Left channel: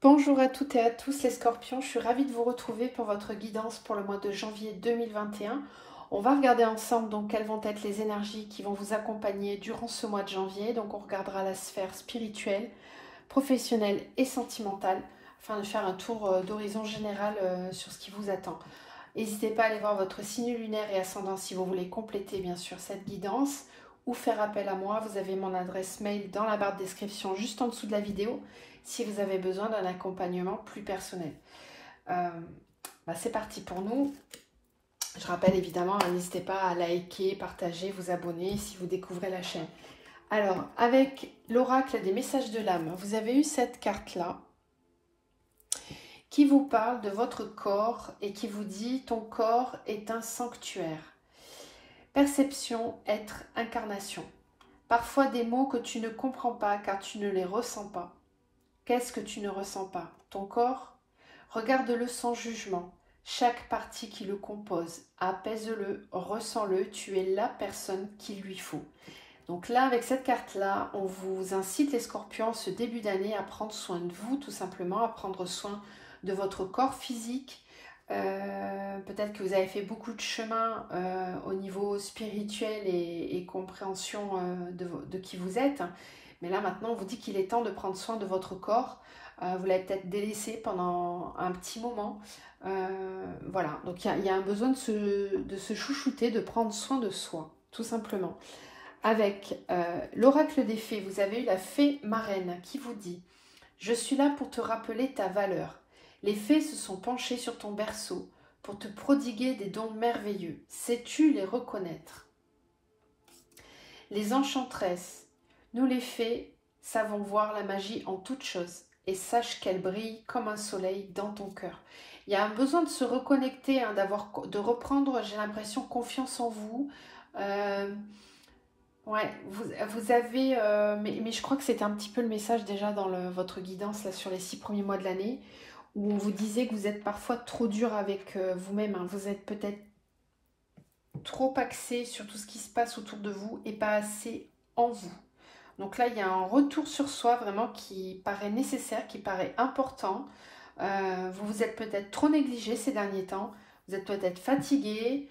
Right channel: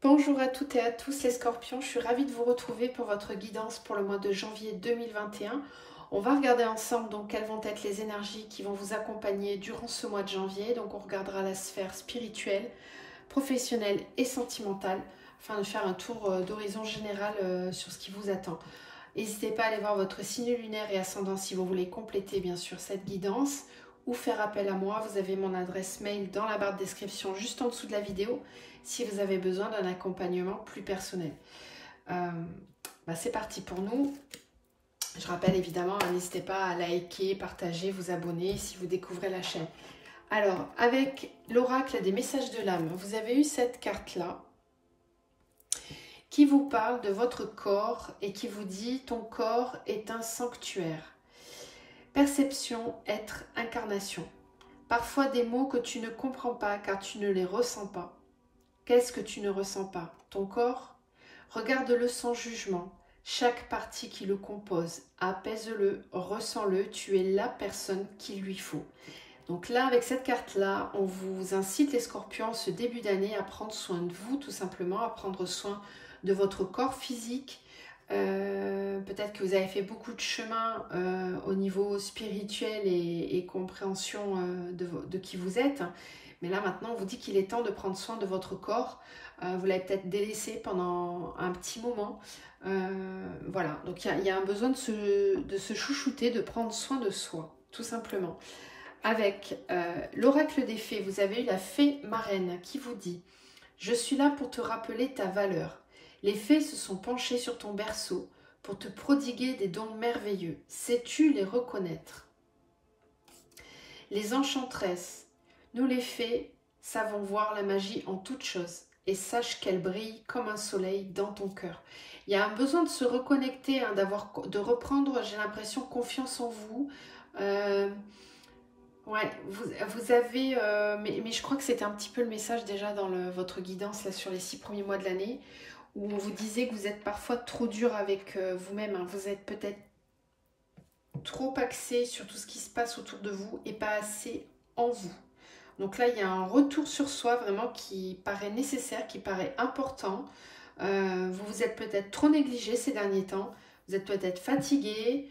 Bonjour à toutes et à tous les scorpions, je suis ravie de vous retrouver pour votre guidance pour le mois de janvier 2021. On va regarder ensemble donc quelles vont être les énergies qui vont vous accompagner durant ce mois de janvier. Donc on regardera la sphère spirituelle, professionnelle et sentimentale afin de faire un tour d'horizon général sur ce qui vous attend. N'hésitez pas à aller voir votre signe lunaire et ascendant si vous voulez compléter bien sûr cette guidance ou faire appel à moi. Vous avez mon adresse mail dans la barre de description juste en dessous de la vidéo si vous avez besoin d'un accompagnement plus personnel. C'est parti pour nous. Je rappelle évidemment, n'hésitez pas à liker, partager, vous abonner si vous découvrez la chaîne. Alors, avec l'oracle des messages de l'âme, vous avez eu cette carte-là qui vous parle de votre corps et qui vous dit « Ton corps est un sanctuaire ». Perception, être, incarnation. Parfois des mots que tu ne comprends pas car tu ne les ressens pas. Qu'est-ce que tu ne ressens pas? Ton corps? Regarde-le sans jugement. Chaque partie qui le compose, apaise-le, ressens-le, tu es la personne qu'il lui faut. Donc là, avec cette carte-là, on vous incite les scorpions ce début d'année à prendre soin de vous, tout simplement, à prendre soin de votre corps physique. Peut-être que vous avez fait beaucoup de chemin au niveau spirituel et compréhension de qui vous êtes. Mais là, maintenant, on vous dit qu'il est temps de prendre soin de votre corps. Vous l'avez peut-être délaissé pendant un petit moment. Voilà, donc il y a un besoin de se chouchouter, de prendre soin de soi, tout simplement. Avec l'oracle des fées, vous avez eu la fée marraine qui vous dit « Je suis là pour te rappeler ta valeur. Les fées se sont penchées sur ton berceau pour te prodiguer des dons merveilleux. Sais-tu les reconnaître ?» Les enchantresses, nous les fées savons voir la magie en toutes choses et sache qu'elle brille comme un soleil dans ton cœur. Il y a un besoin de se reconnecter, hein, de reprendre, j'ai l'impression, confiance en vous. Ouais, vous avez, mais je crois que c'était un petit peu le message déjà dans votre guidance là, sur les 6 premiers mois de l'année, où on vous disait que vous êtes parfois trop dur avec vous-même. Hein. Vous êtes peut-être trop axé sur tout ce qui se passe autour de vous et pas assez en vous. Donc là, il y a un retour sur soi vraiment qui paraît nécessaire, qui paraît important. Vous vous êtes peut-être trop négligé ces derniers temps. Vous êtes peut-être fatigué.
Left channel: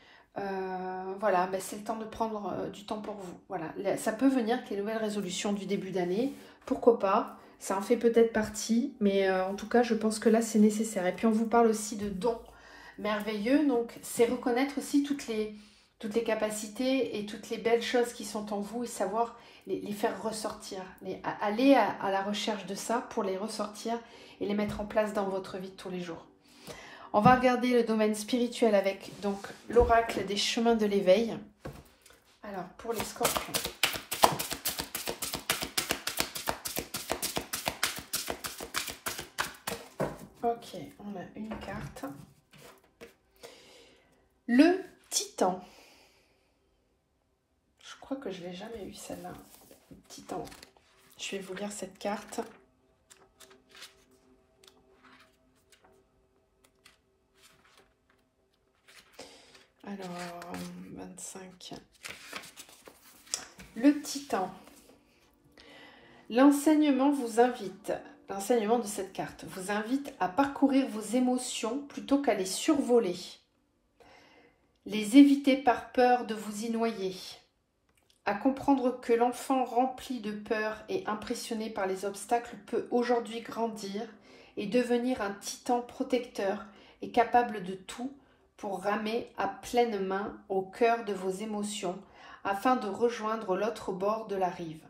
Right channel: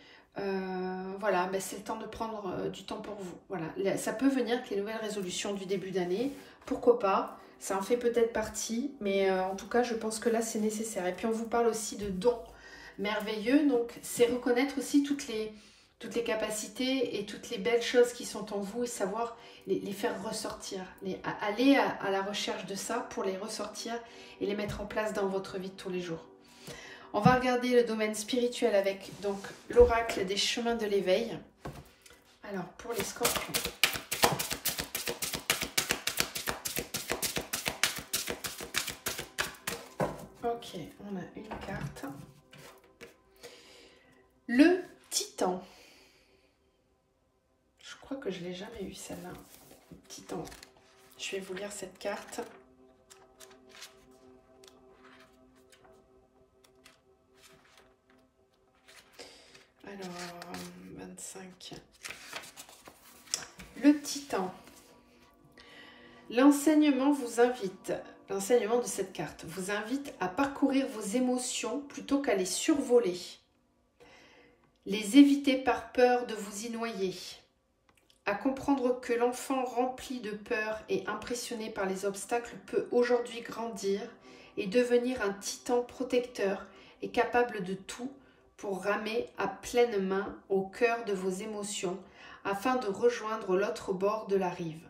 Voilà, ben c'est le temps de prendre du temps pour vous. Voilà, ça peut venir avec les nouvelles résolutions du début d'année. Pourquoi pas? Ça en fait peut-être partie, mais en tout cas, je pense que là, c'est nécessaire. Et puis, on vous parle aussi de dons merveilleux. Donc, c'est reconnaître aussi toutes les capacités et toutes les belles choses qui sont en vous et savoir les faire ressortir. Aller à la recherche de ça pour les ressortir et les mettre en place dans votre vie de tous les jours. On va regarder le domaine spirituel avec donc l'oracle des chemins de l'éveil. Alors, pour les scorpions. Ok, on a une carte. Le Titan. Je crois que je ne l'ai jamais eu celle-là. Titan. Je vais vous lire cette carte. Alors, 25. Le Titan. L'enseignement vous invite, l'enseignement de cette carte vous invite à parcourir vos émotions plutôt qu'à les survoler. Les éviter par peur de vous y noyer. À comprendre que l'enfant rempli de peur et impressionné par les obstacles peut aujourd'hui grandir et devenir un titan protecteur et capable de tout pour ramer à pleine main au cœur de vos émotions afin de rejoindre l'autre bord de la rive.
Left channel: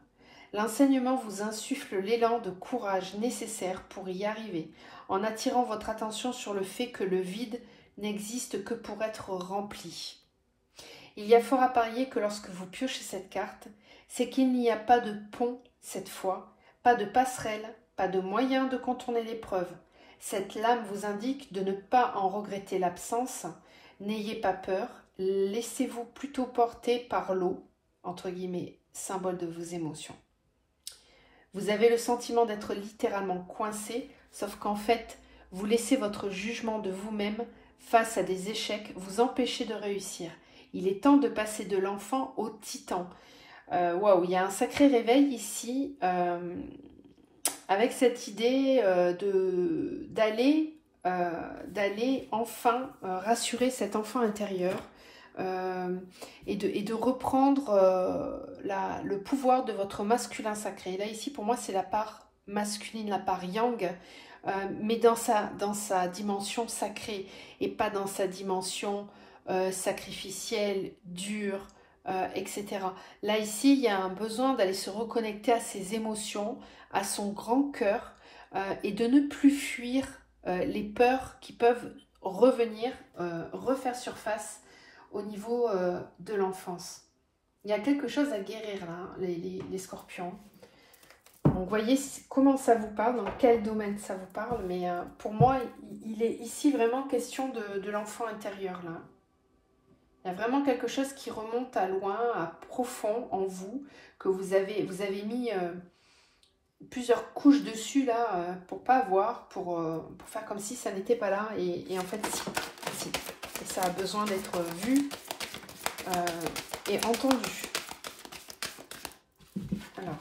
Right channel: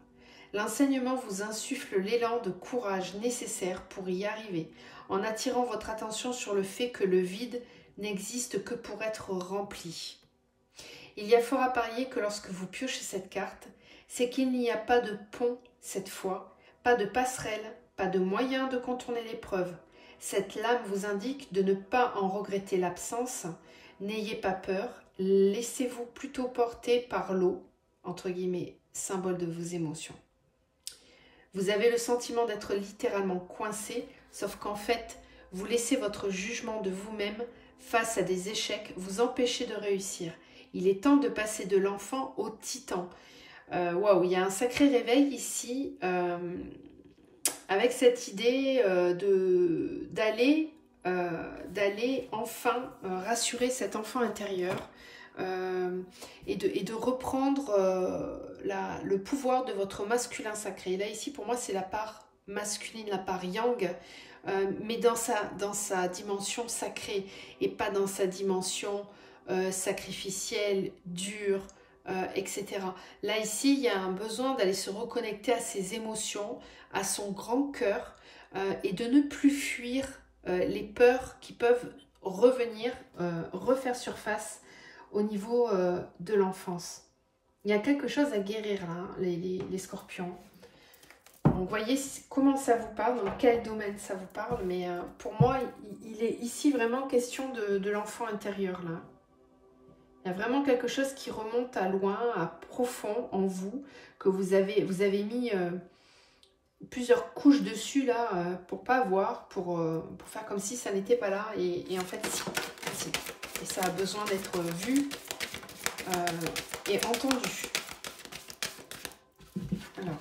L'enseignement vous insuffle l'élan de courage nécessaire pour y arriver en attirant votre attention sur le fait que le vide n'existe que pour être rempli. Il y a fort à parier que lorsque vous piochez cette carte, c'est qu'il n'y a pas de pont cette fois, pas de passerelle, pas de moyen de contourner l'épreuve. Cette lame vous indique de ne pas en regretter l'absence. N'ayez pas peur, laissez-vous plutôt porter par l'eau, entre guillemets, symbole de vos émotions. Vous avez le sentiment d'être littéralement coincé, sauf qu'en fait, vous laissez votre jugement de vous-même face à des échecs vous empêcher de réussir. Il est temps de passer de l'enfant au titan. Waouh, il y a un sacré réveil ici. avec cette idée d'aller enfin rassurer cet enfant intérieur et de reprendre le pouvoir de votre masculin sacré. Et là, ici, pour moi, c'est la part masculine, la part yang, mais dans sa dimension sacrée et pas dans sa dimension sacrificielle, dure, etc. Là, ici, il y a un besoin d'aller se reconnecter à ses émotions, à son grand cœur et de ne plus fuir les peurs qui peuvent revenir, refaire surface au niveau de l'enfance. Il y a quelque chose à guérir là, hein, les scorpions. Donc, voyez comment ça vous parle, dans quel domaine ça vous parle, mais pour moi, il est ici vraiment question de l'enfant intérieur là. Il y a vraiment quelque chose qui remonte à loin, à profond en vous, que vous avez mis plusieurs couches dessus là pour pas voir, pour faire comme si ça n'était pas là. Et en fait, si. Et ça a besoin d'être vu et entendu. Alors.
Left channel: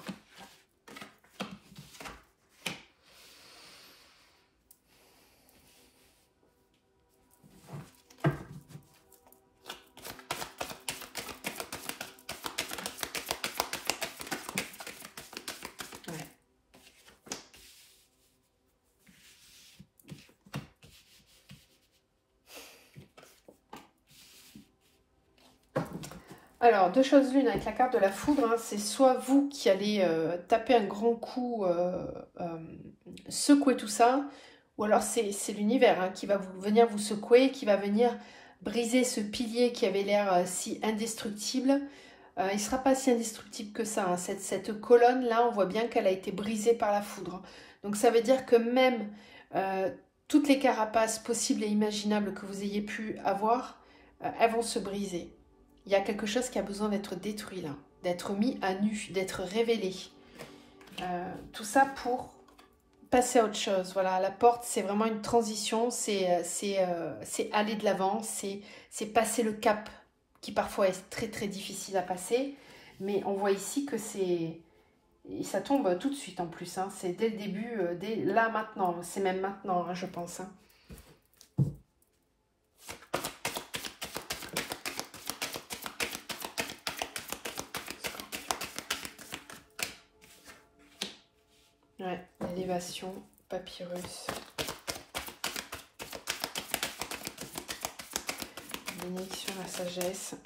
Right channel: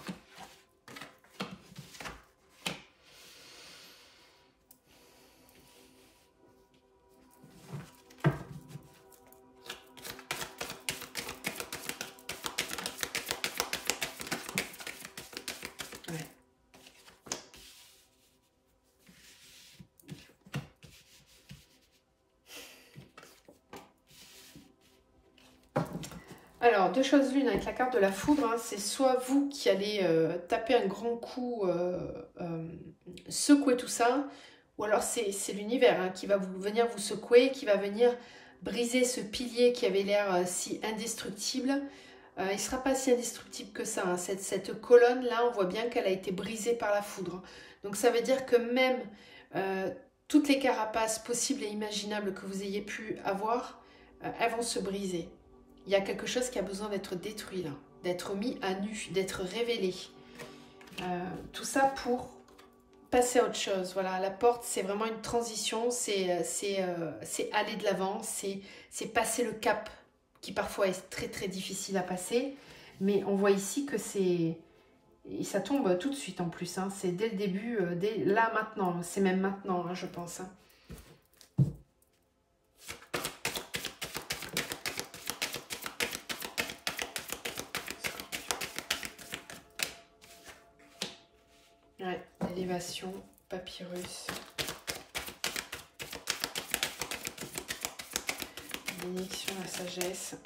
Alors, deux choses l'une avec la carte de la foudre, hein, c'est soit vous qui allez taper un grand coup, secouer tout ça, ou alors c'est l'univers hein, qui va venir vous secouer, qui va venir briser ce pilier qui avait l'air si indestructible. Il ne sera pas si indestructible que ça, hein. Cette colonne-là, on voit bien qu'elle a été brisée par la foudre. Donc ça veut dire que même toutes les carapaces possibles et imaginables que vous ayez pu avoir, elles vont se briser. Il y a quelque chose qui a besoin d'être détruit là, d'être mis à nu, d'être révélé. Tout ça pour passer à autre chose. Voilà, la porte, c'est vraiment une transition, c'est aller de l'avant, c'est passer le cap qui parfois est très très difficile à passer. Mais on voit ici que c'est... Et ça tombe tout de suite en plus, hein. C'est dès le début, dès là maintenant, c'est même maintenant, hein, je pense. Hein. Ouais, l'élévation, papyrus. Bénédiction de la sagesse.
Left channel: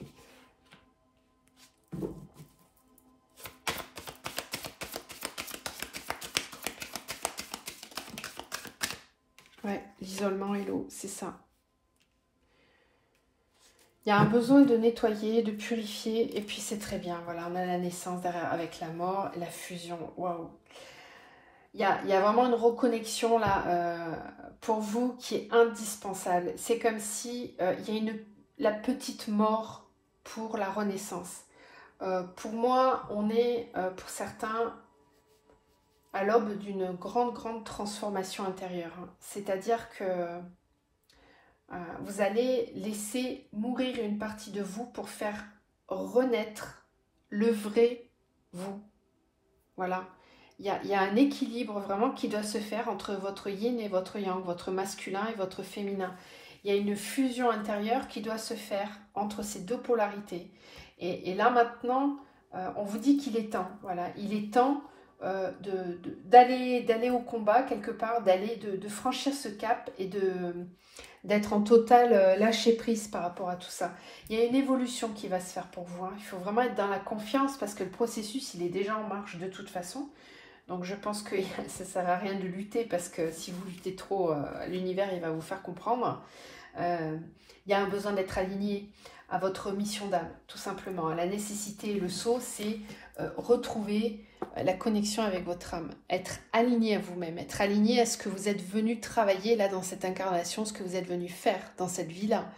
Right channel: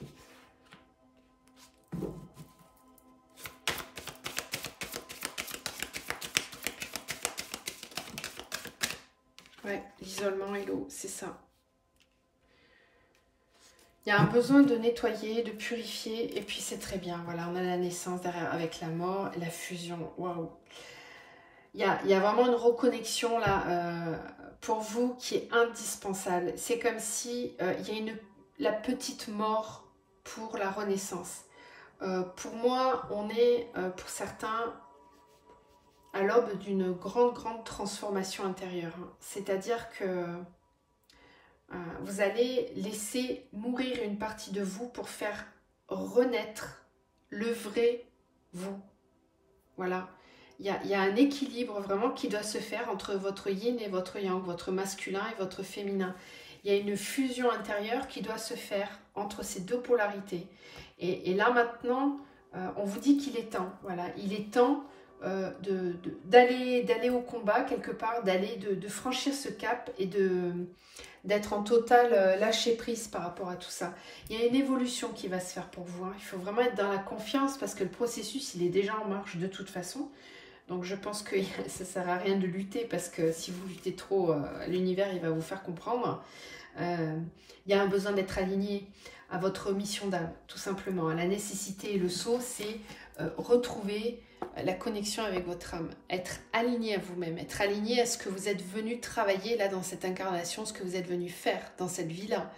Ouais, l'isolement et l'eau, c'est ça. Il y a un besoin de nettoyer, de purifier, et puis c'est très bien. Voilà, on a la naissance derrière avec la mort, la fusion. Waouh! Il y a vraiment une reconnexion là pour vous qui est indispensable. C'est comme si il y a la petite mort pour la renaissance. Pour moi, on est pour certains à l'aube d'une grande transformation intérieure. Hein. C'est-à-dire que vous allez laisser mourir une partie de vous pour faire renaître le vrai vous. Voilà. Il y a un équilibre vraiment qui doit se faire entre votre yin et votre yang, votre masculin et votre féminin. Il y a une fusion intérieure qui doit se faire entre ces deux polarités. Et là maintenant, on vous dit qu'il est temps. Voilà, il est temps d'aller au combat quelque part, de franchir ce cap et d'être en total lâcher prise par rapport à tout ça. Il y a une évolution qui va se faire pour vous. Hein. Il faut vraiment être dans la confiance parce que le processus, il est déjà en marche de toute façon. Donc je pense que ça ne sert à rien de lutter parce que si vous luttez trop, l'univers il va vous faire comprendre. Il y a un besoin d'être aligné à votre mission d'âme, tout simplement. La nécessité et le saut, c'est retrouver la connexion avec votre âme. Être aligné à vous-même, être aligné à ce que vous êtes venu travailler là dans cette incarnation, ce que vous êtes venu faire dans cette vie-là.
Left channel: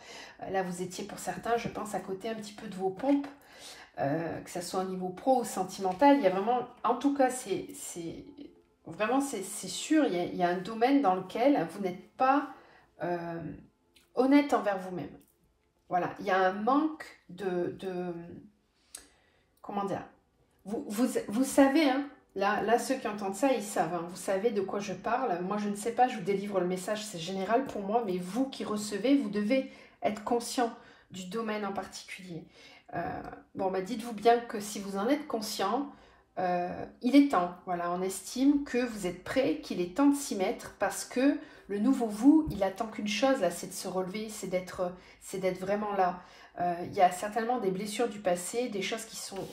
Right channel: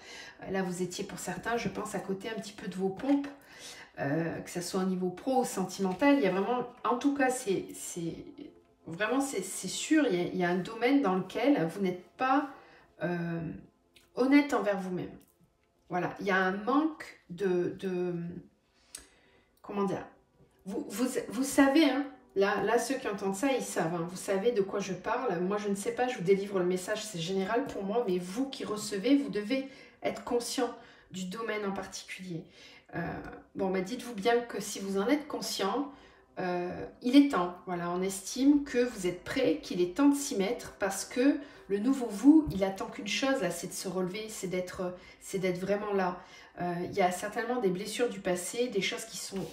Là, vous étiez pour certains, je pense, à côté un petit peu de vos pompes. Que ce soit au niveau pro ou sentimental, il y a vraiment, en tout cas, c'est sûr, il y a un domaine dans lequel vous n'êtes pas honnête envers vous-même. Voilà, il y a un manque comment dire, vous savez, hein, Là, ceux qui entendent ça, ils savent. Hein. Vous savez de quoi je parle. Moi, je ne sais pas, je vous délivre le message, c'est général pour moi. Mais vous qui recevez, vous devez être conscient du domaine en particulier. Bon, bah, dites-vous bien que si vous en êtes conscient, il est temps. Voilà, on estime que vous êtes prêt, qu'il est temps de s'y mettre parce que le nouveau vous, il attend qu'une chose, là, c'est de se relever, c'est d'être vraiment là. Il y a certainement des blessures du passé, des choses qui sont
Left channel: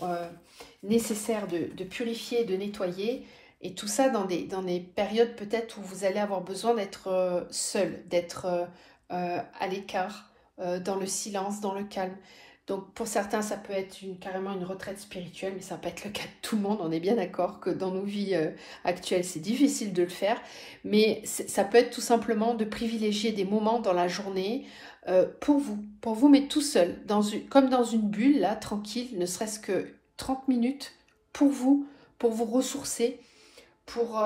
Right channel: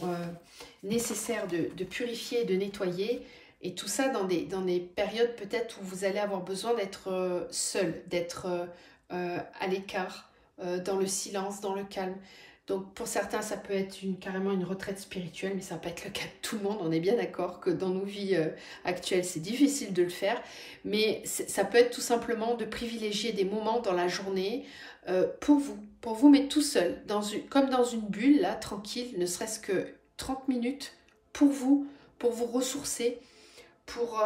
nécessaires de purifier, de nettoyer. Et tout ça dans des périodes peut-être où vous allez avoir besoin d'être seul, d'être à l'écart, dans le silence, dans le calme. Donc pour certains, ça peut être carrément une retraite spirituelle, mais ça ne va pas être le cas de tout le monde. On est bien d'accord que dans nos vies actuelles, c'est difficile de le faire. Mais ça peut être tout simplement de privilégier des moments dans la journée pour vous, mais tout seul, comme dans une bulle, là, tranquille, ne serait-ce que 30 minutes pour vous ressourcer, pour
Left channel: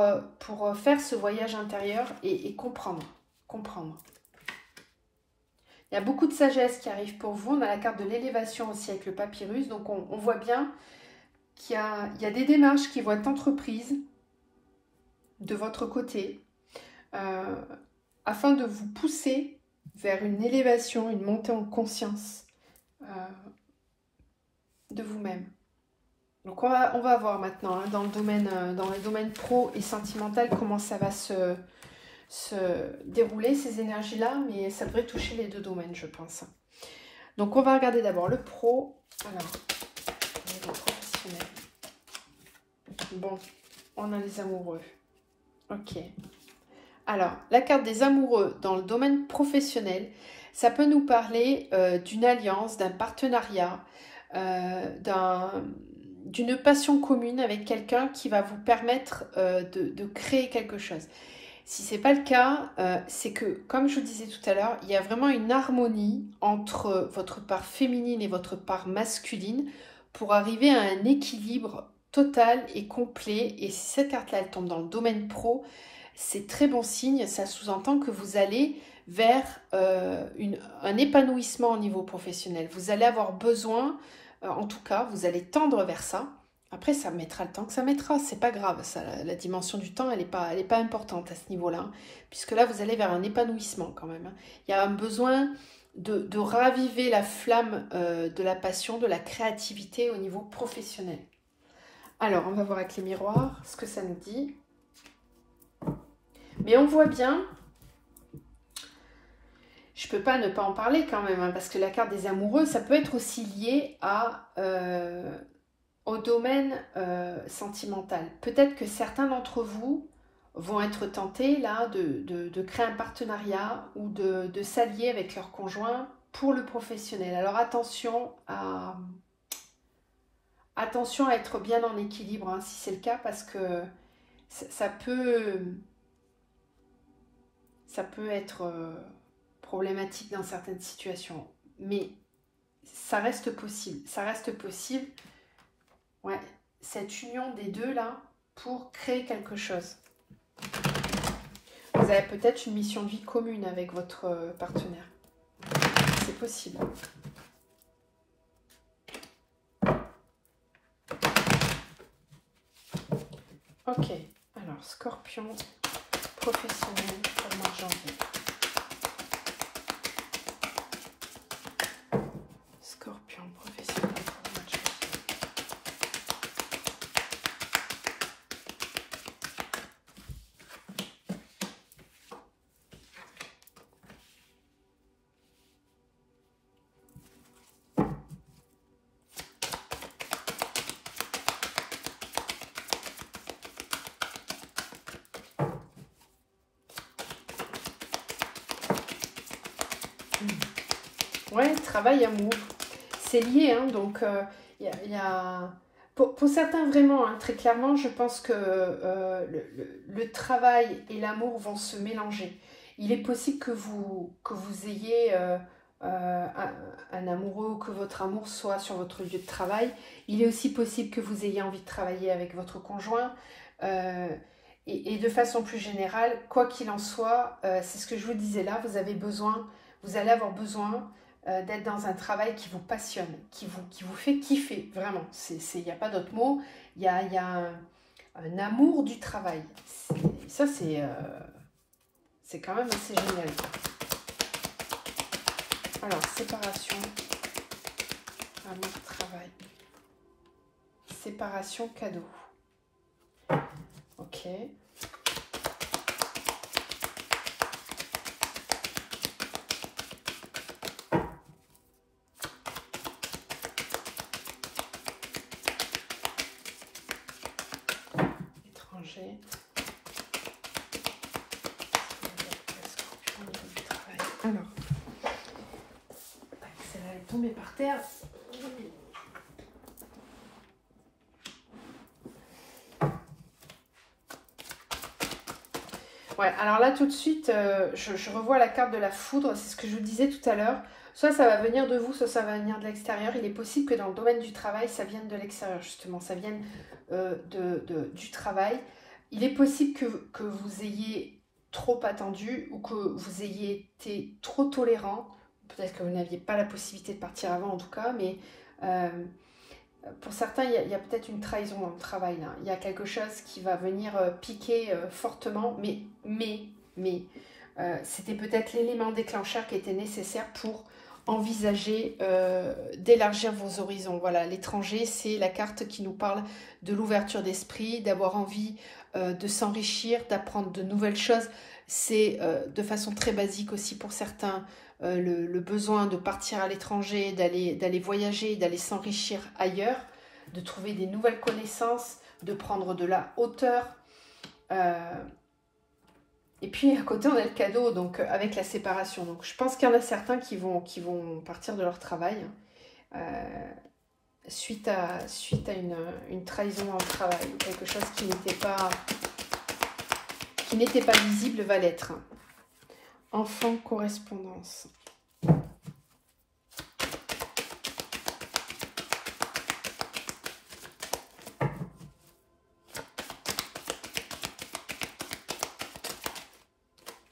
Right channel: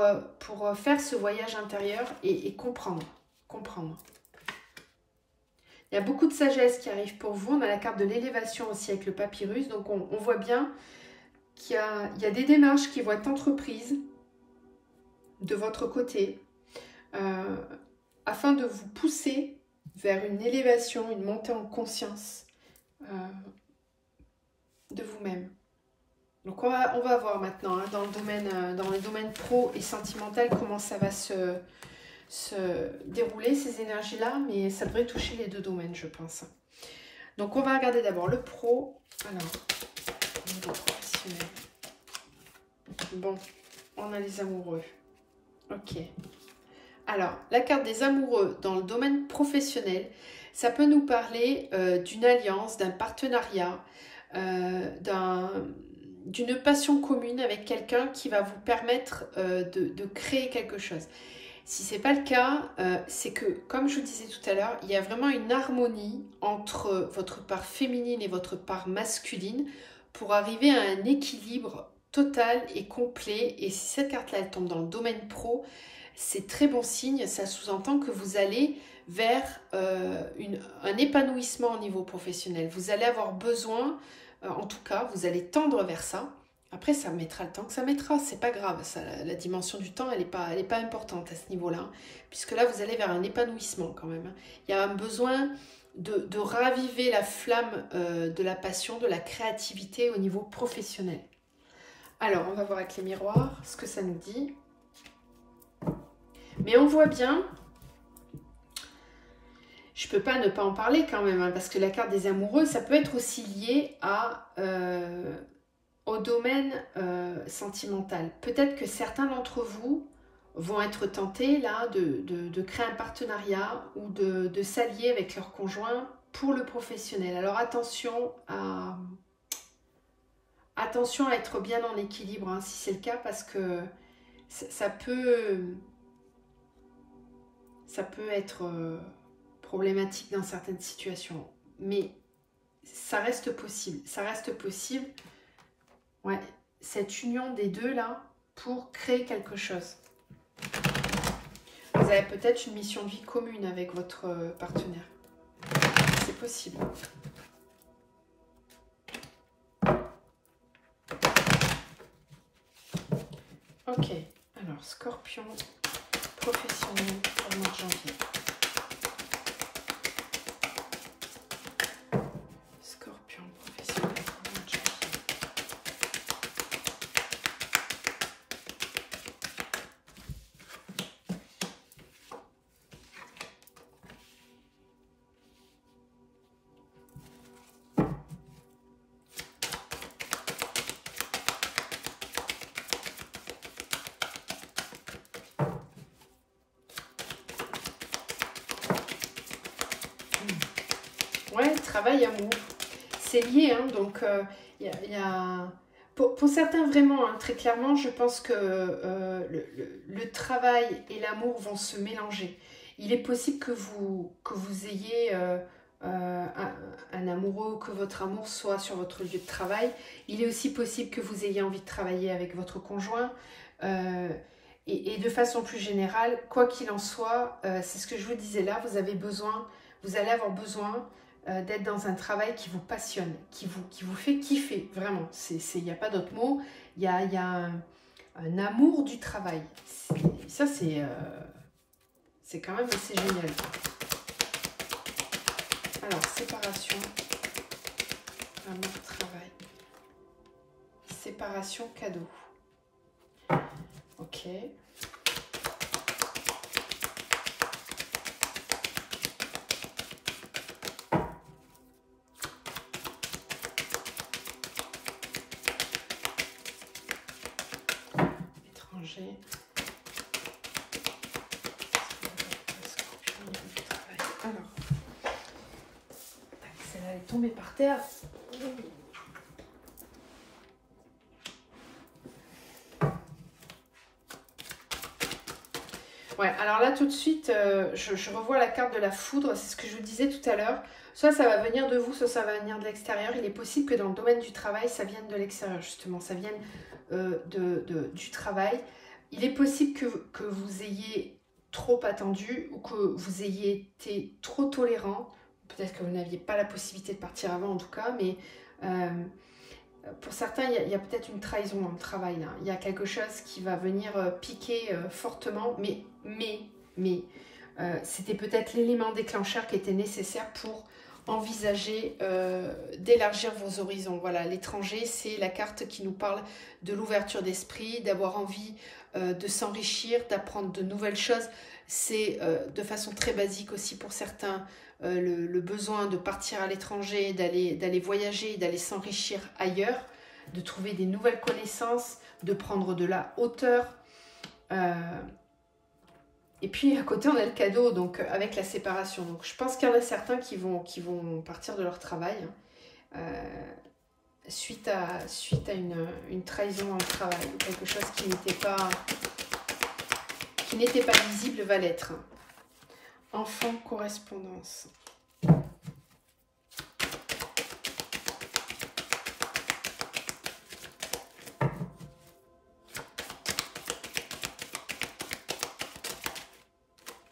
faire ce voyage intérieur et comprendre. Il y a beaucoup de sagesse qui arrive pour vous. On a la carte de l'élévation aussi avec le papyrus. Donc, on voit bien qu'il y a des démarches qui vont être entreprises de votre côté afin de vous pousser vers une élévation, une montée en conscience de vous-même. Donc, on va voir maintenant hein, dans le domaine pro et sentimental comment ça va se dérouler ces énergies-là, mais ça devrait toucher les deux domaines, je pense. Donc, on va regarder d'abord le pro. Alors, le professionnel. Bon, on a les amoureux. Ok. Alors, la carte des amoureux dans le domaine professionnel, ça peut nous parler d'une alliance, d'un partenariat, d'une passion commune avec quelqu'un qui va vous permettre de créer quelque chose. Si ce n'est pas le cas, c'est que, comme je vous disais tout à l'heure, il y a vraiment une harmonie entre votre part féminine et votre part masculine pour arriver à un équilibre total et complet. Et si cette carte-là, elle tombe dans le domaine pro, c'est très bon signe. Ça sous-entend que vous allez vers un épanouissement au niveau professionnel. Vous allez avoir besoin, en tout cas, vous allez tendre vers ça. Après, ça mettra le temps que ça mettra, c'est pas grave. Ça, la dimension du temps, elle n'est pas importante à ce niveau-là. Hein, puisque là, vous allez vers un épanouissement quand même. Hein. Il y a un besoin de raviver la flamme de la passion, de la créativité au niveau professionnel. Alors, on va voir avec les miroirs ce que ça nous dit. Mais on voit bien, je ne peux pas ne pas en parler quand même, hein, parce que la carte des amoureux, ça peut être aussi lié au domaine sentimental. Peut-être que certains d'entre vous vont être tentés là de créer un partenariat ou de s'allier avec leur conjoint pour le professionnel. Alors attention à être bien en équilibre hein, si c'est le cas, parce que ça peut être problématique dans certaines situations. Mais ça reste possible. Ça reste possible. Ouais, cette union des deux là pour créer quelque chose. Vous avez peut-être une mission de vie commune avec votre partenaire. C'est possible. Ok, alors Scorpion, professionnel pour le mois de janvier. Scorpion, professionnel pour le mois de janvier. Ouais, travail, amour, c'est lié, hein, donc pour certains vraiment, hein, très clairement, je pense que le travail et l'amour vont se mélanger. Il est possible que vous ayez un amoureux ou que votre amour soit sur votre lieu de travail. Il est aussi possible que vous ayez envie de travailler avec votre conjoint. Et de façon plus générale, quoi qu'il en soit, c'est ce que je vous disais là, vous allez avoir besoin d'être dans un travail qui vous passionne, qui vous fait kiffer, vraiment. Il n'y a pas d'autre mot. Il y a un amour du travail. Ça, c'est quand même assez génial. Alors, séparation, amour, travail. Séparation, cadeau. Ok. Étranger. Alors, celle-là elle est tombée par terre. Ouais, alors là tout de suite, je revois la carte de la foudre, c'est ce que je vous disais tout à l'heure. Soit ça va venir de vous, soit ça va venir de l'extérieur. Il est possible que dans le domaine du travail, ça vienne de l'extérieur justement, ça vienne du travail. Il est possible que vous ayez trop attendu ou que vous ayez été trop tolérant. Peut-être que vous n'aviez pas la possibilité de partir avant en tout cas, mais pour certains, il y a peut-être une trahison dans le travail. Là. Il y a quelque chose qui va venir piquer fortement, mais c'était peut-être l'élément déclencheur qui était nécessaire pour envisager d'élargir vos horizons. Voilà, l'étranger, c'est la carte qui nous parle de l'ouverture d'esprit, d'avoir envie de s'enrichir, d'apprendre de nouvelles choses. C'est de façon très basique aussi pour certains le besoin de partir à l'étranger, d'aller voyager, d'aller s'enrichir ailleurs, de trouver des nouvelles connaissances, de prendre de la hauteur. Et puis à côté on a le cadeau, donc avec la séparation. Donc je pense qu'il y en a certains qui vont partir de leur travail suite à une trahison dans le travail, quelque chose qui n'était pas visible va l'être. Enfant, correspondance.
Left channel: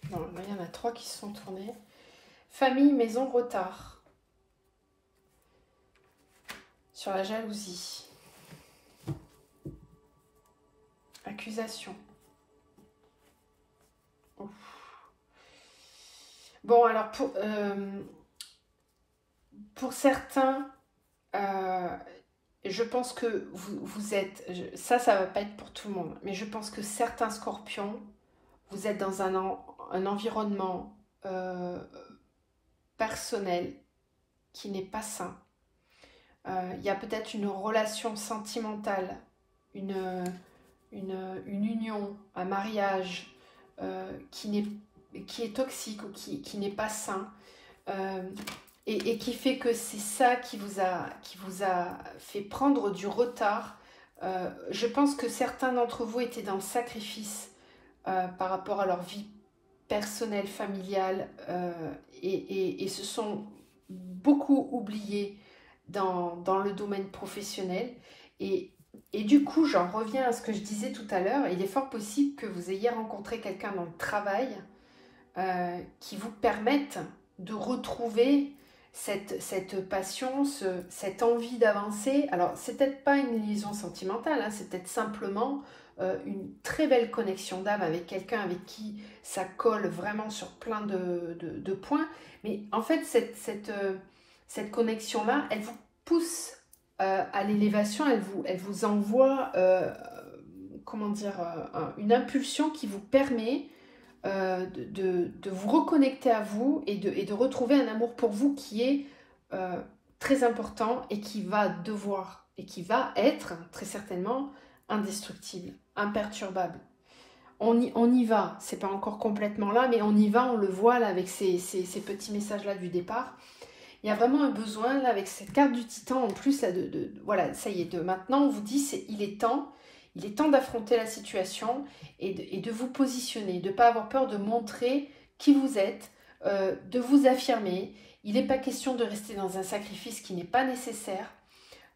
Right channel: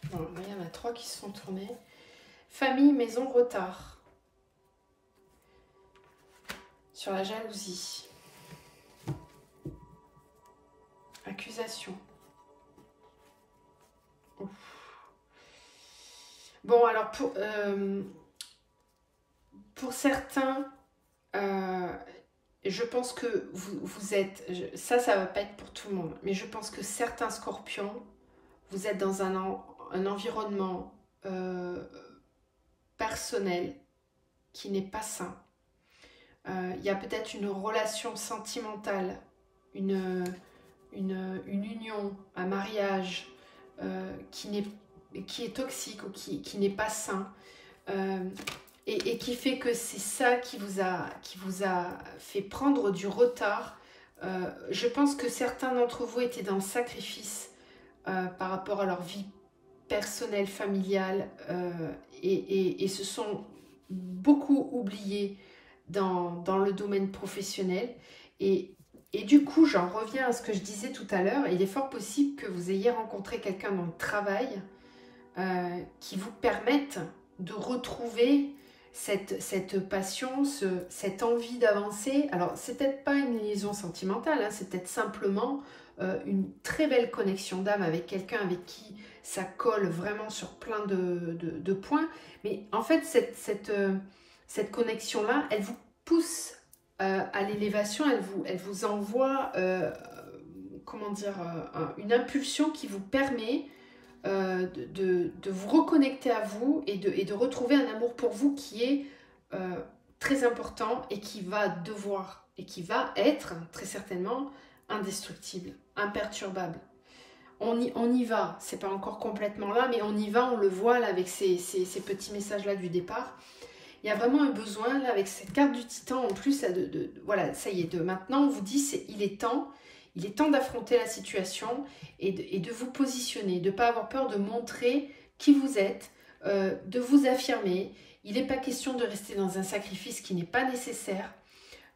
Bon, là, il y en a 3 qui se sont tournés. Famille, maison, retard. Sur la jalousie. Accusation. Ouf. Bon, alors pour certains, je pense que vous êtes... Ça va pas être pour tout le monde. Mais je pense que certains scorpions, vous êtes dans un environnement personnel qui n'est pas sain. Il y a peut-être une relation sentimentale, une union, un mariage qui est toxique ou qui n'est pas sain et qui fait que c'est ça qui vous a fait prendre du retard. Je pense que certains d'entre vous étaient dans le sacrifice par rapport à leur vie personnelle, familiale et se sont beaucoup oubliés dans le domaine professionnel. Et du coup, j'en reviens à ce que je disais tout à l'heure. Il est fort possible que vous ayez rencontré quelqu'un dans le travail qui vous permette de retrouver cette passion, cette envie d'avancer. Alors, c'est peut-être pas une liaison sentimentale, hein, c'est peut-être simplement une très belle connexion d'âme avec quelqu'un avec qui ça colle vraiment sur plein de points. Mais en fait, cette connexion-là, elle vous pousse à l'élévation, elle vous envoie comment dire, une impulsion qui vous permet de vous reconnecter à vous et de retrouver un amour pour vous qui est très important et qui va être très certainement indestructible, imperturbable. On y va, c'est pas encore complètement là, mais on y va, on le voit là avec ces petits messages là du départ. Il y a vraiment un besoin là avec cette carte du titan en plus, voilà, ça y est, de maintenant on vous dit il est temps d'affronter la situation et de vous positionner, de ne pas avoir peur de montrer qui vous êtes, de vous affirmer. Il n'est pas question de rester dans un sacrifice qui n'est pas nécessaire.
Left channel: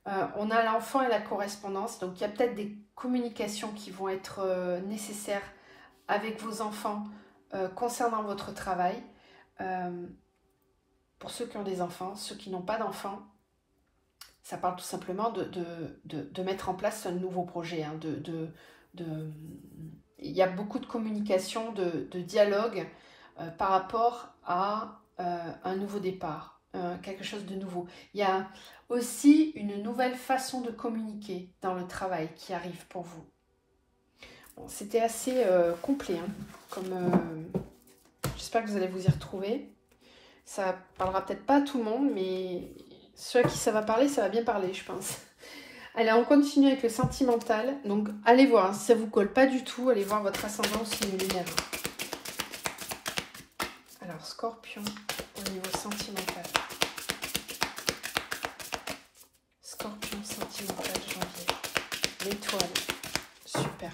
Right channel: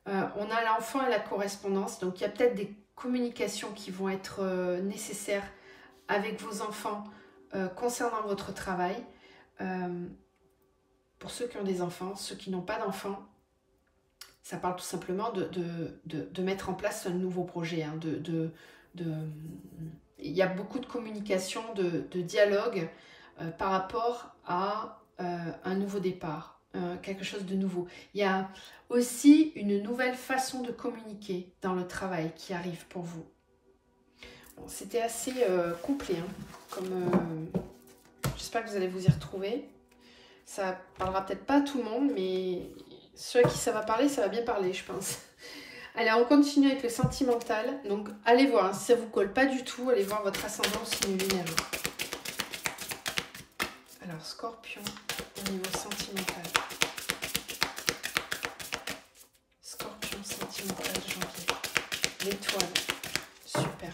On a l'enfant et la correspondance, donc il y a peut-être des communications qui vont être nécessaires avec vos enfants concernant votre travail. Pour ceux qui ont des enfants, ceux qui n'ont pas d'enfants, ça parle tout simplement de mettre en place un nouveau projet, hein, il y a beaucoup de communication, de dialogue par rapport à un nouveau départ, quelque chose de nouveau. Il y a aussi une nouvelle façon de communiquer dans le travail qui arrive pour vous. Bon, c'était assez complet, hein, j'espère que vous allez vous y retrouver. Ça parlera peut-être pas à tout le monde, mais ceux à qui ça va parler, ça va bien parler, je pense. Allez, on continue avec le sentimental. Donc, allez voir, hein, si ça ne vous colle pas du tout, allez voir votre ascendant signe lunaire. Alors, Scorpion, au niveau sentimental. Scorpion, sentimental, janvier. L'étoile, super.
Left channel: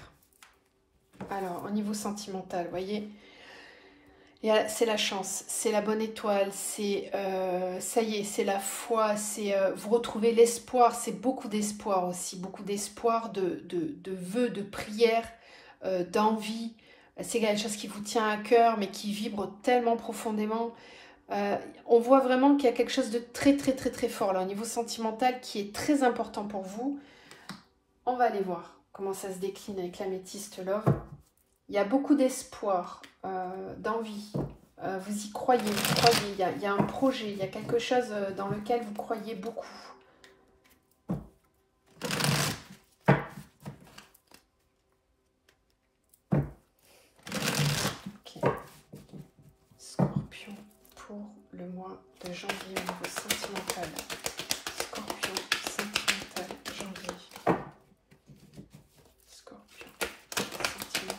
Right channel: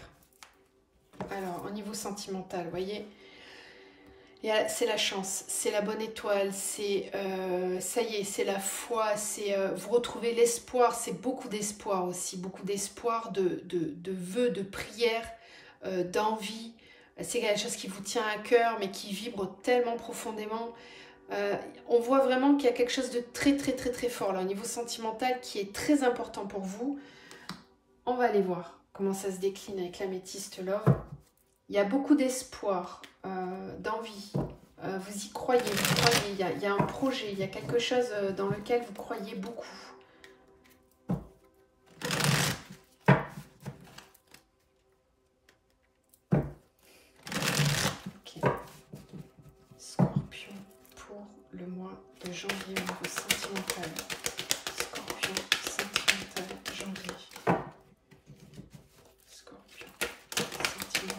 Alors, au niveau sentimental, vous voyez, c'est la chance, c'est la bonne étoile, c'est ça y est, c'est la foi, c'est vous retrouvez l'espoir, c'est beaucoup d'espoir aussi, beaucoup d'espoir, de vœux, de prières, d'envie. C'est quelque chose qui vous tient à cœur, mais qui vibre tellement profondément. On voit vraiment qu'il y a quelque chose de très très très très fort là, au niveau sentimental, qui est très important pour vous. On va aller voir comment ça se décline avec l'améthyste love. Il y a beaucoup d'espoir, d'envie. Vous y croyez, il y a un projet, il y a quelque chose dans lequel vous croyez beaucoup. Ok. Scorpion pour le mois de janvier au niveau sentimental. Scorpion, sentimental, janvier. Scorpion, sentimental, janvier.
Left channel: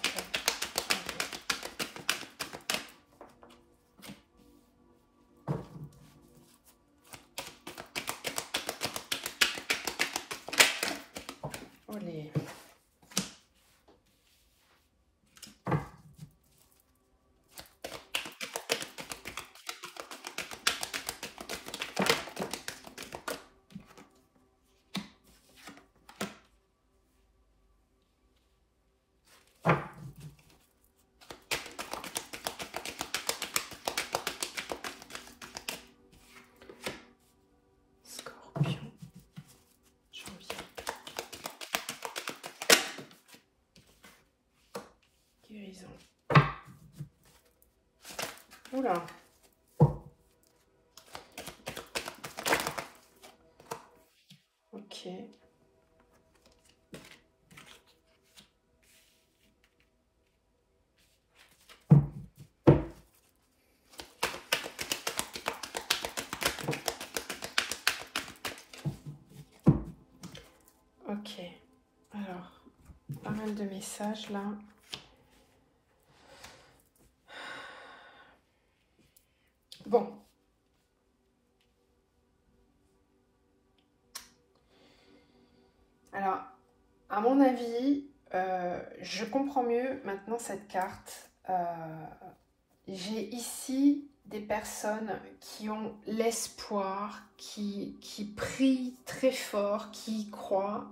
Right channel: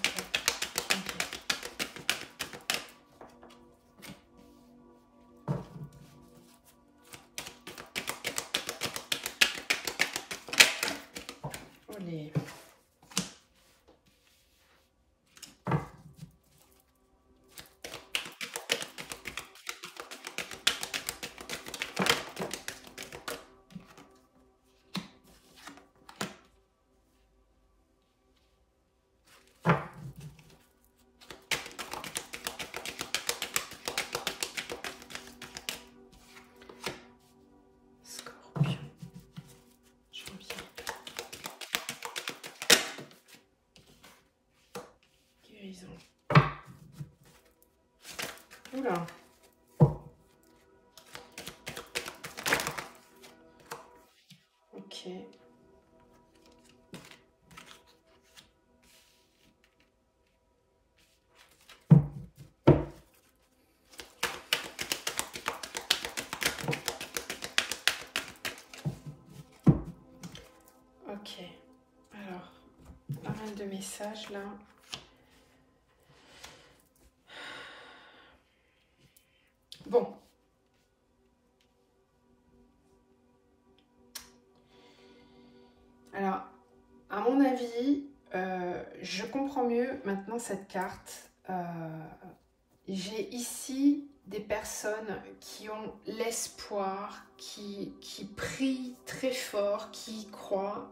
Allez. Scorpion, janvier. Guérison. Oula. Ok. Ok. Alors, pas mal de messages là. Bon. Alors, à mon avis, je comprends mieux maintenant cette carte. J'ai ici des personnes qui ont l'espoir, qui prient très fort, qui croient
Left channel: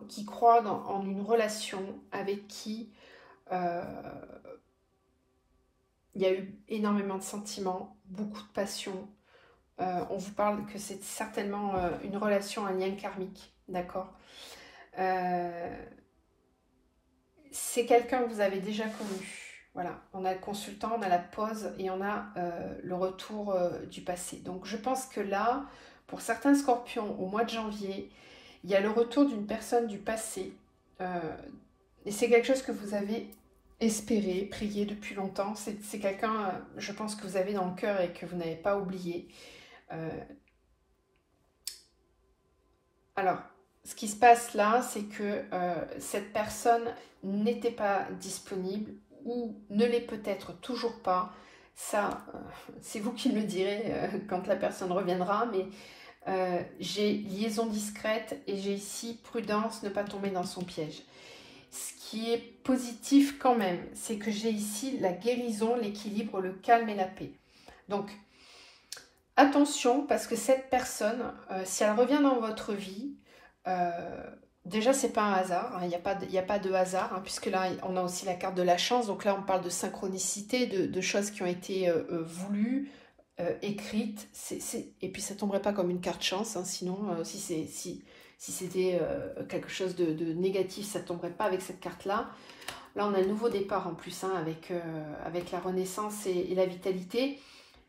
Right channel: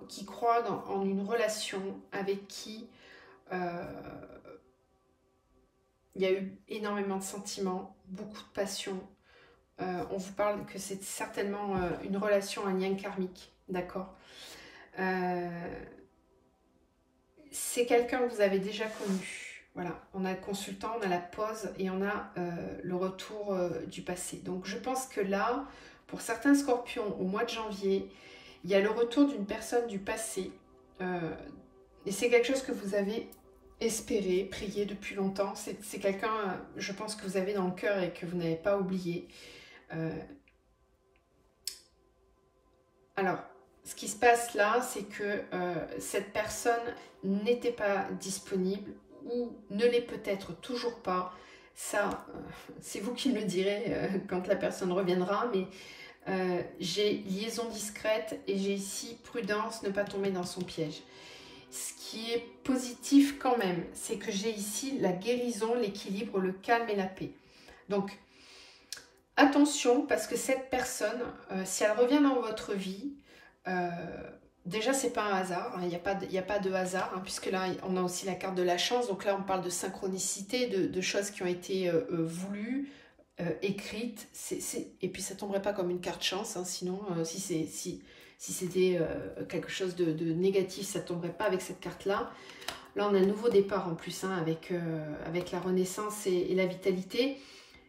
en une relation avec qui il y a eu énormément de sentiments, beaucoup de passion. On vous parle que c'est certainement une relation, un lien karmique, d'accord? C'est quelqu'un que vous avez déjà connu. Voilà, on a le consultant, on a la pause et on a le retour du passé. Donc je pense que là, pour certains scorpions, au mois de janvier, il y a le retour d'une personne du passé. Et c'est quelque chose que vous avez espéré, prié depuis longtemps. C'est quelqu'un, je pense, que vous avez dans le cœur et que vous n'avez pas oublié. Alors, ce qui se passe là, c'est que cette personne n'était pas disponible ou ne l'est peut-être toujours pas. Ça, c'est vous qui me le direz quand la personne reviendra, mais j'ai liaison discrète et j'ai ici prudence, ne pas tomber dans son piège. Ce qui est positif quand même, c'est que j'ai ici la guérison, l'équilibre, le calme et la paix. Donc, attention, parce que cette personne, si elle revient dans votre vie, déjà c'est pas un hasard, hein, il n'y a pas de hasard, hein, puisque là on a aussi la carte de la chance, donc là on parle de synchronicité, de choses qui ont été voulues, écrites, et puis ça tomberait pas comme une carte chance, hein, sinon si c'était quelque chose de négatif, ça tomberait pas avec cette carte là. Là, on a un nouveau départ en plus, hein, avec la renaissance et la vitalité.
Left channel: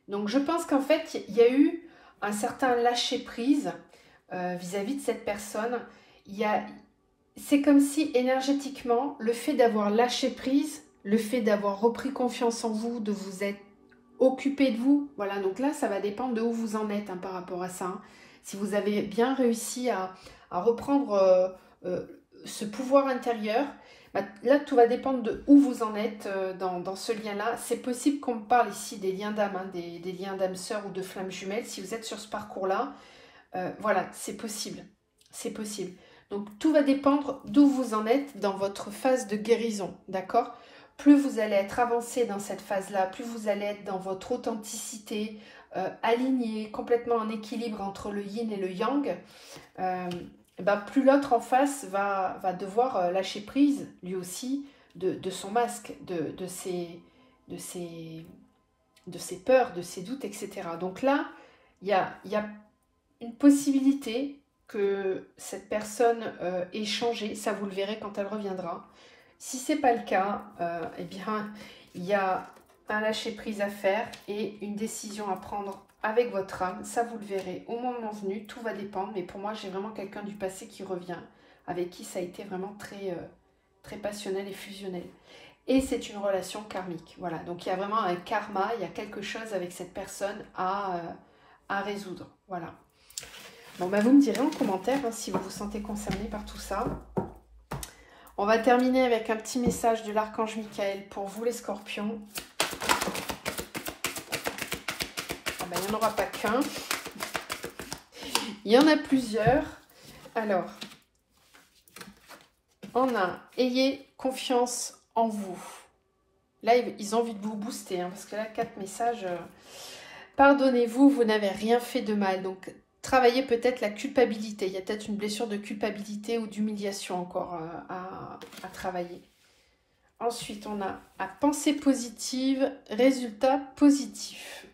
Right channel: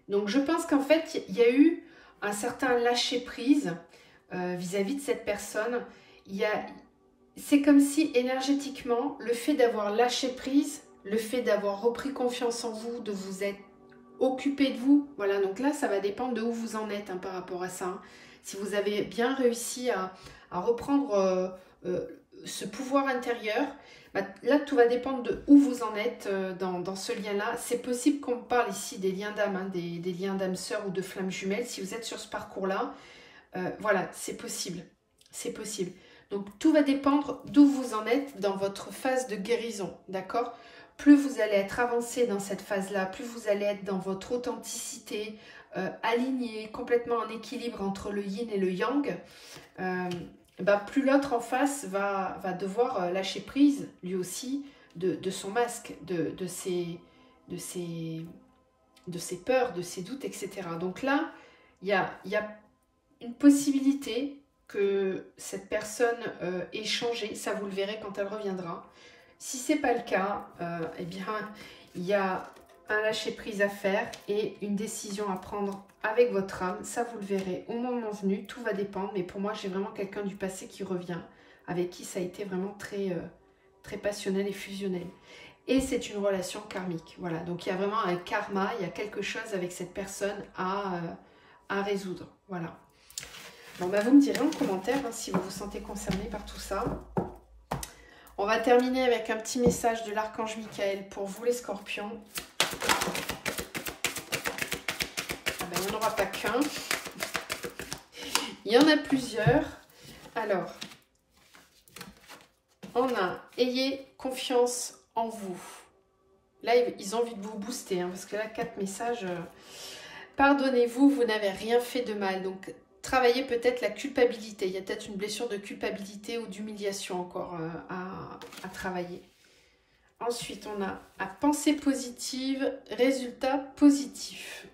Donc, je pense qu'en fait, il y a eu un certain lâcher-prise vis-à-vis de cette personne. C'est comme si énergétiquement, le fait d'avoir lâché prise, le fait d'avoir repris confiance en vous, de vous être occupé de vous, voilà, donc là, ça va dépendre de où vous en êtes, hein, par rapport à ça. Hein. Si vous avez bien réussi à reprendre ce pouvoir intérieur, bah, là, tout va dépendre de où vous en êtes dans ce lien-là. C'est possible qu'on me parle ici des liens d'âme, hein, des liens d'âme sœur ou de flammes jumelles. Si vous êtes sur ce parcours-là, voilà, c'est possible. C'est possible. Donc, tout va dépendre d'où vous en êtes dans votre phase de guérison, d'accord? Plus vous allez être avancé dans cette phase-là, plus vous allez être dans votre authenticité, aligné, complètement en équilibre entre le yin et le yang, ben, plus l'autre en face va devoir lâcher prise, lui aussi, de son masque, de ses peurs, de ses doutes, etc. Donc là, il y a une possibilité que cette personne ait changé, ça vous le verrez quand elle reviendra. Si ce n'est pas le cas, eh bien, il y a un lâcher-prise à faire et une décision à prendre avec votre âme. Ça, vous le verrez au moment venu, tout va dépendre. Mais pour moi, j'ai vraiment quelqu'un du passé qui revient, avec qui ça a été vraiment très passionnel et fusionnel. Et c'est une relation karmique. Voilà, donc il y a vraiment un karma, il y a quelque chose avec cette personne à résoudre. Voilà. Bon, bah, vous me direz en commentaire hein, si vous vous sentez concerné par tout ça. On va terminer avec un petit message de l'archange Michael pour vous les scorpions. Ah ben, il n'y en aura pas qu'un. Il y en a plusieurs. Alors, on a « Ayez confiance en vous ». Là, ils ont envie de vous booster, hein, parce que là, 4 messages. Pardonnez-vous, vous n'avez rien fait de mal. Donc, travaillez peut-être la culpabilité. Il y a peut-être une blessure de culpabilité ou d'humiliation encore à travailler. Ensuite, on a « À pensée positive, résultat positif ».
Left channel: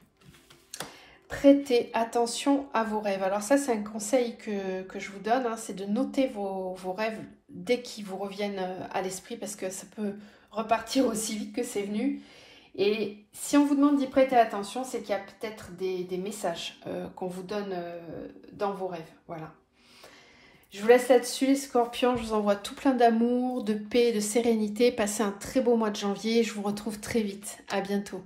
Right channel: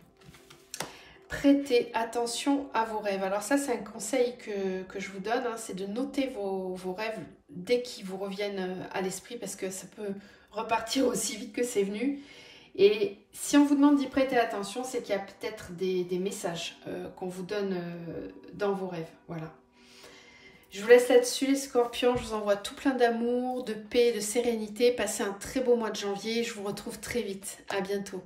Prêtez attention à vos rêves. Alors ça, c'est un conseil que je vous donne, hein, c'est de noter vos rêves dès qu'ils vous reviennent à l'esprit parce que ça peut repartir aussi vite que c'est venu. Et si on vous demande d'y prêter attention, c'est qu'il y a peut-être des messages qu'on vous donne dans vos rêves. Voilà. Je vous laisse là-dessus les scorpions. Je vous envoie tout plein d'amour, de paix, de sérénité. Passez un très beau mois de janvier. Je vous retrouve très vite. À bientôt.